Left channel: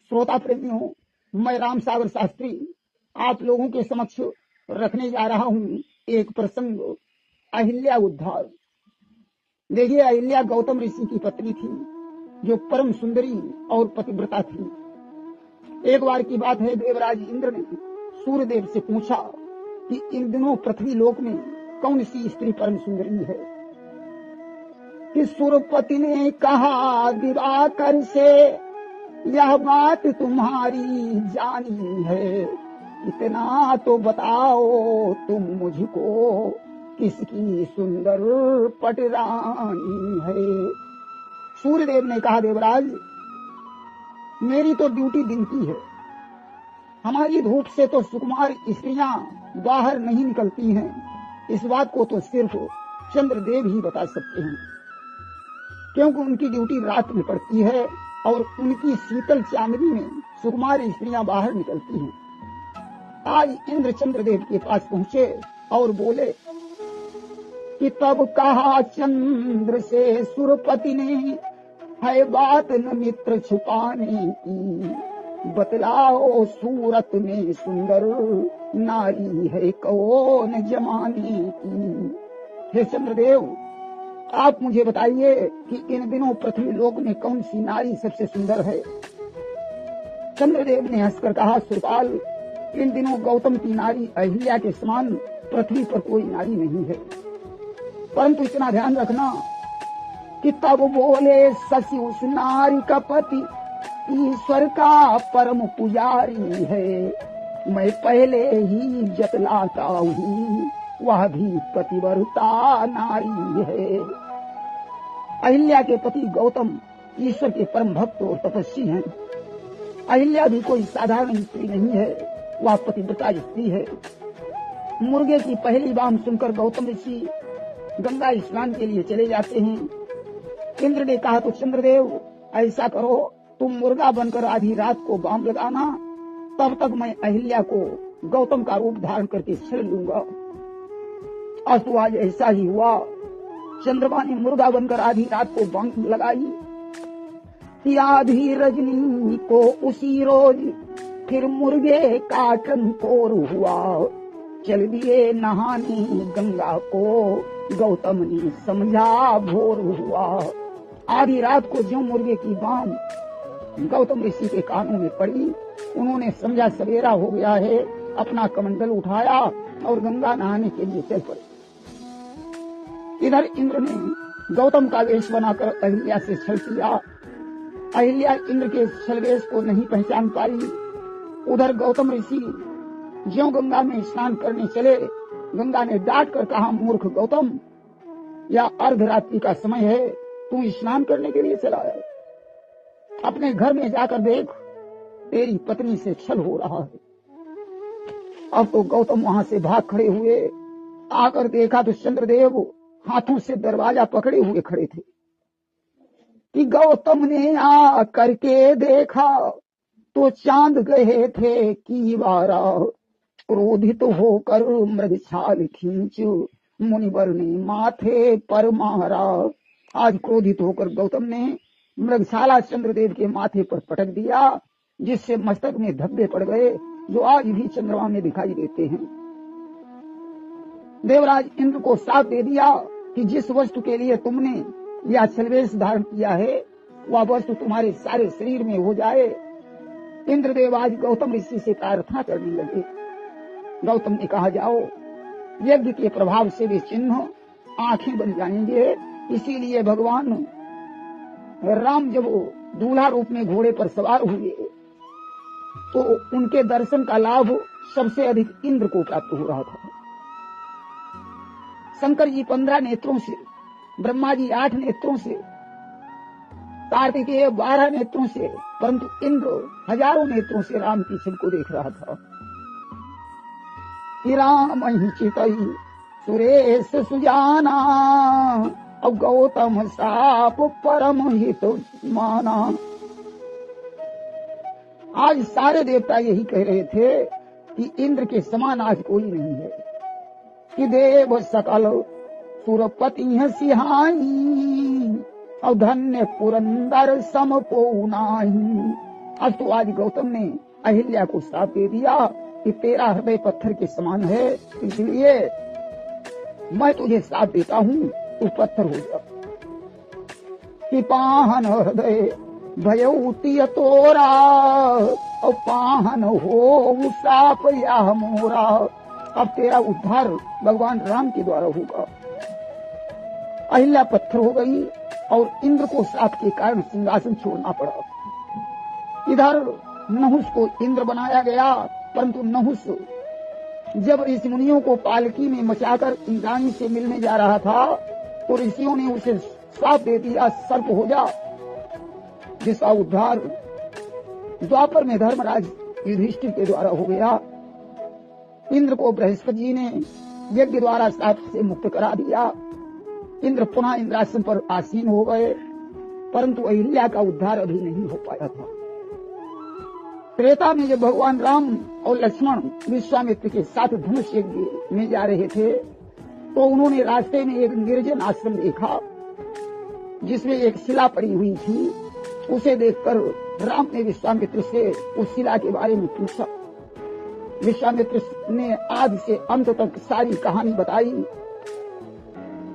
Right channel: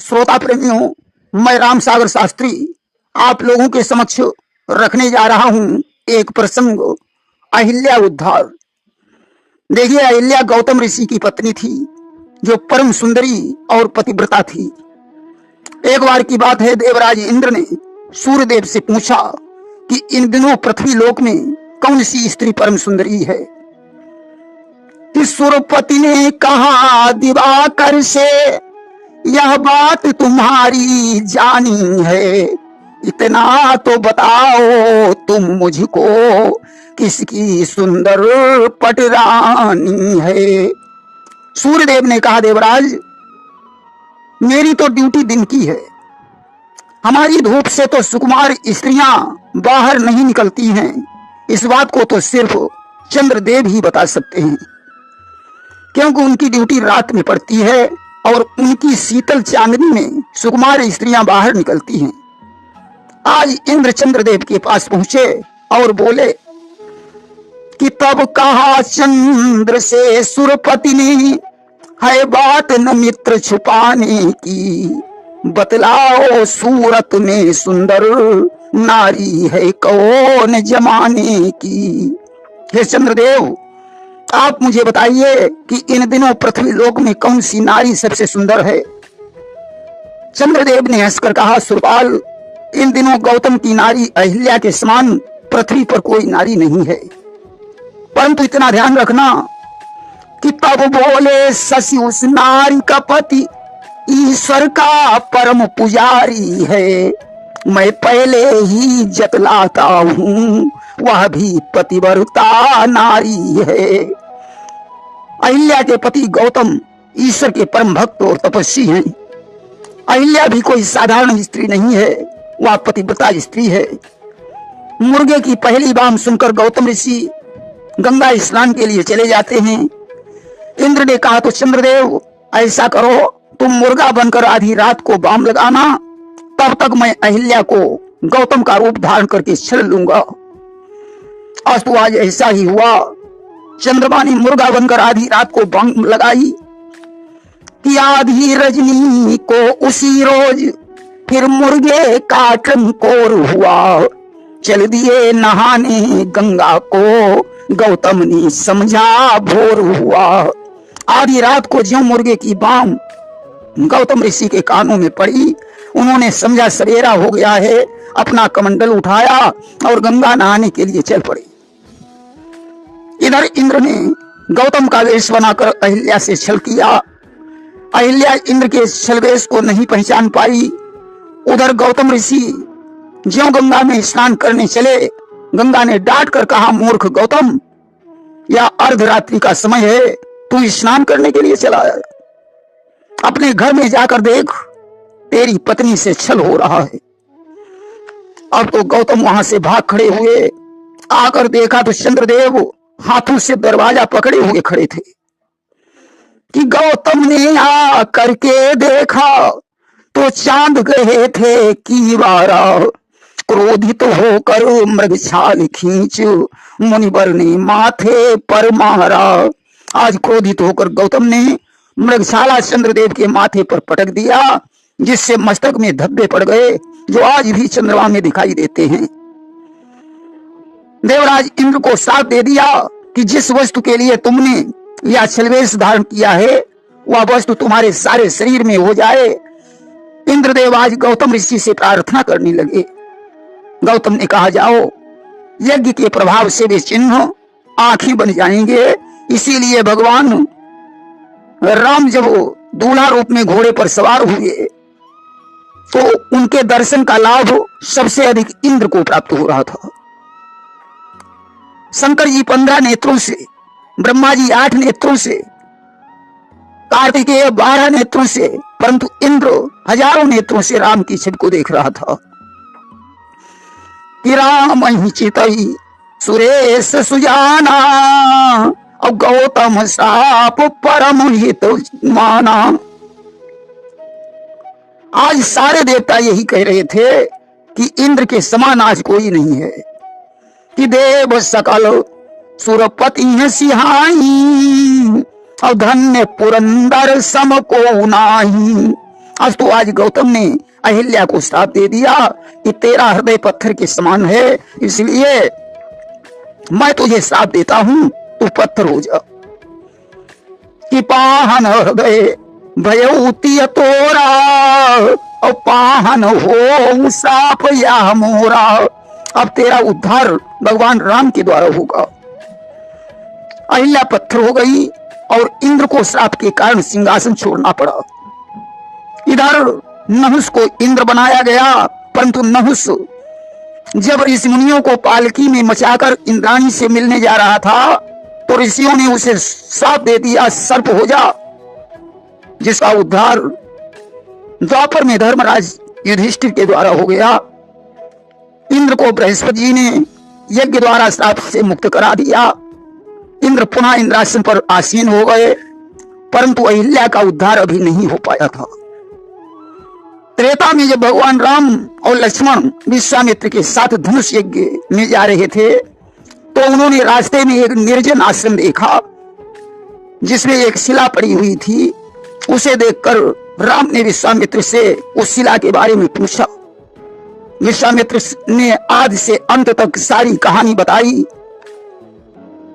श्रोता प्रेमियों, मैं राम सागर शास्त्री आप लोगों के समक्ष रखने जा रहा हूं एक प्रसंग, अहिल्या उद्धार। देखिए, अहिल्या गौतम ऋषि की पत्नी थी जो परम सुंदरी और पतिव्रता थी। एक बार की बात है, देवराज इंद्र ने सूर्यदेव से पूछा कि इन दिनों पृथ्वी लोक में कौन सी स्त्री परम सुंदरी है। कि सुरपति ने कहा, दिवाकर से यह बात तुम्हारी जानी है, इतना तो बताओ तुम मुझको किसकी सुंदर पटरानी है। सूर्यदेव ने कहा, देवराज मेरी तो ड्यूटी दिन की है, हमारी धूप से तो सुकुमार स्त्रियां बाहर नहीं निकलती हैं, इस बात को तो सिर्फ चंद्रदेव ही बता सकते हैं, क्योंकि उनकी ड्यूटी रात में पड़ती है और उनकी शीतल चांदनी में सुकुमार स्त्रियां बाहर निकलती हैं। आज इंद्र चंद्रदेव के पास पहुंचे और बोले कि तब कहा चंद्र से सुरपति ने, है बात न मित्र छुपाने की, बतलाओ सूरत में सुंदर नारी है कौन जमाने की। हे चंद्रदेव, आप मुझे बताइए कि इन दिनों पृथ्वी लोक में कौन सी नारी सबसे सुंदर है। चंद्रदेव ने हंसकर कहा, सुरपाल इन दिनों गौतम की नारी अहिल्या के समान पृथ्वी पर कोई नारी नहीं है, परंतु इतना ध्यान रखना कि तब बोले शशि उस नारी का पति ईश्वर का परम पुजारी है, मैं पहले ही जतलाता हूँ वह भी पतिव्रता नारी है। अहिल्या के पति गौतम ईश्वर के परम भक्त और तपस्वी हैं। अहिल्या भी कोई साधारण स्त्री नहीं है, वह पतिव्रता स्त्री है। मुर्गे की पहली बाम सुनकर गौतम ऋषि गंगा स्नान के लिए चले जाते हैं। इंद्र ने कहा, तो चंद्रदेव ऐसा करो, तुम मुर्गा बनकर आधी रात को बाम लगाना, तब तक मैं अहिल्या को गौतम का रूप धारण करके छल लूंगा। अस्तु आज ऐसा ही हुआ। चंद्रमा ने मुर्गा बनकर आधी रात को बाम लगाई कि आधी रजनी को उसी रोज फिर मुर्गे का टंकोर हुआ, चल दिए नहाने गंगा को गौतम ने समझा भोर हुआ। आधी रात को ज्यों मुर्गे की बाम गौतम ऋषि के कानों में पड़ी, उन्होंने समझा सवेरा हो गया है, अपना कमंडल उठाया और गंगा नहाने के लिए चल पड़े। इधर इंद्र ने गौतम का वेश बनाकर अहिल्या से छल किया। अहिल्या इंद्र के छल वेश को नहीं पहचान पाई। उधर गौतम ऋषि ज्यों गंगा में स्नान करने चले, गंगा ने डांट कर कहा, मूर्ख गौतम, यह अर्धरात्रि का समय है, तू स्नान करने के लिए चला है, अपने घर में जाकर देख, तेरी पत्नी से छल हो रहा है। अब तो गौतम वहां से भाग खड़े हुए, आकर देखा तो चंद्रदेव हाथों से दरवाजा पकड़े हुए खड़े थे। कि गौतम ने आ करके देखा तो चांद गए थे की बारा, क्रोधित होकर मृग छाल खींच मुनिवर ने माथे पर मारा। आज क्रोधित होकर गौतम ने मृगशाला चंद्रदेव के माथे पर पटक दिया, जिससे मस्तक में धब्बे पड़ गए जो आज भी चंद्रमा में दिखाई देते हैं। देवराज इंद्र को साथ दे दिया कि जिस वस्तु के लिए तुमने यह छलवेश धारण किया है वह वस्तु तुम्हारे सारे शरीर में हो जाए। इंद्रदेव आज गौतम ऋषि से प्रार्थना करने लगे। गौतम ने कहा, जाओ, यज्ञ के प्रभाव से वे चिन्ह आंखें बन जाएंगे, इसीलिए भगवान राम जब दूल्हा रूप में घोड़े पर सवार हुए तो उनके दर्शन का लाभ सबसे अधिक इंद्र को प्राप्त हो रहा था। शंकर जी 15 नेत्रों से, ब्रह्मा जी 8 नेत्रों से, कार्तिकेय 12 नेत्रों से, परंतु इंद्र हजारों नेत्रों से राम की छवि को देख रहा था। कि राम ही चितई सुरेश सुजाना और गौतम साप परम हित माना। आज सारे देवता यही कह रहे थे कि इंद्र के समान आज कोई नहीं है। कि देव सकल सुरपति है सिहाई और धन्य पुरंदर सम को नाही। आज तो आज गौतम ने अहिल्या को श्राप दे दिया कि तेरा हृदय पत्थर के समान है, इसलिए मैं तुझे श्राप देता हूं, तू पत्थर हो जा। कि पाहन हृदय भयउती तोरा, और पाहन हो श्राप या मोरा। अब तेरा उद्धार भगवान राम के द्वारा होगा। अहिल्या पत्थर हो गई और इंद्र को श्राप के कारण सिंहासन छोड़ना पड़ा। इधर नहुस को इंद्र बनाया गया, परंतु नहुस जब ऋषि मुनियों को पालकी में मचाकर इंद्राणी से मिलने जा रहा था तो ऋषियों ने उसे श्राप दे दिया, सर्प हो जा, जिसका उद्धार द्वापर में धर्मराज युधिष्ठिर के द्वारा हो गया। इंद्र को बृहस्पति जी ने यज्ञ द्वारा श्राप से मुक्त करा दिया। इंद्र पुनः इंद्रासन पर आसीन हो गए, परंतु अहिल्या का उद्धार अभी नहीं हो पाया था। त्रेता में जब भगवान राम और लक्ष्मण विश्वामित्र के साथ धनुष यज्ञ में जा रहे थे तो उन्होंने रास्ते में एक निर्जन आश्रम देखा जिसमें एक शिला पड़ी हुई थी। उसे देखकर राम ने विश्वामित्र से उस शिला के बारे में पूछा। विश्वामित्र ने आदि से अंत तक सारी कहानी बताई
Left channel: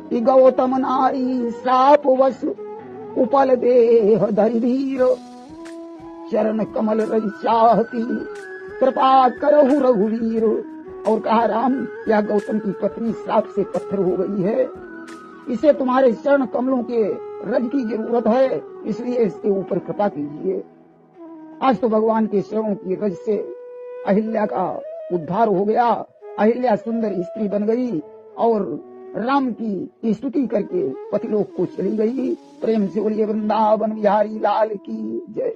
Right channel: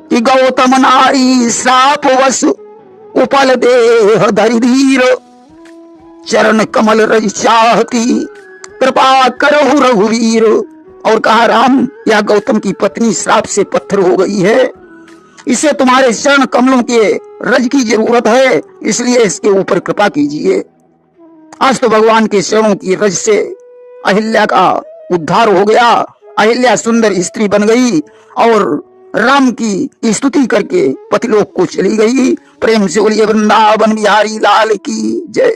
कि गौतम नारी श्राप वश उपल देह धरि धीर, चरण कमल रज चाहती कृपा करहु रघुवीर। और कहा, राम, यह गौतम की पत्नी श्राप से पत्थर हो गई है, इसे तुम्हारे चरण कमलों के रज की जरूरत है, इसलिए इसके ऊपर कृपा कीजिए। आज तो भगवान के चरणों की रज से अहिल्या का उद्धार हो गया। अहिल्या सुंदर स्त्री बन गई और राम की स्तुति करके पतिलोक को चली गई। प्रेम से बोलिए वृंदावन बिहारी लाल की जय।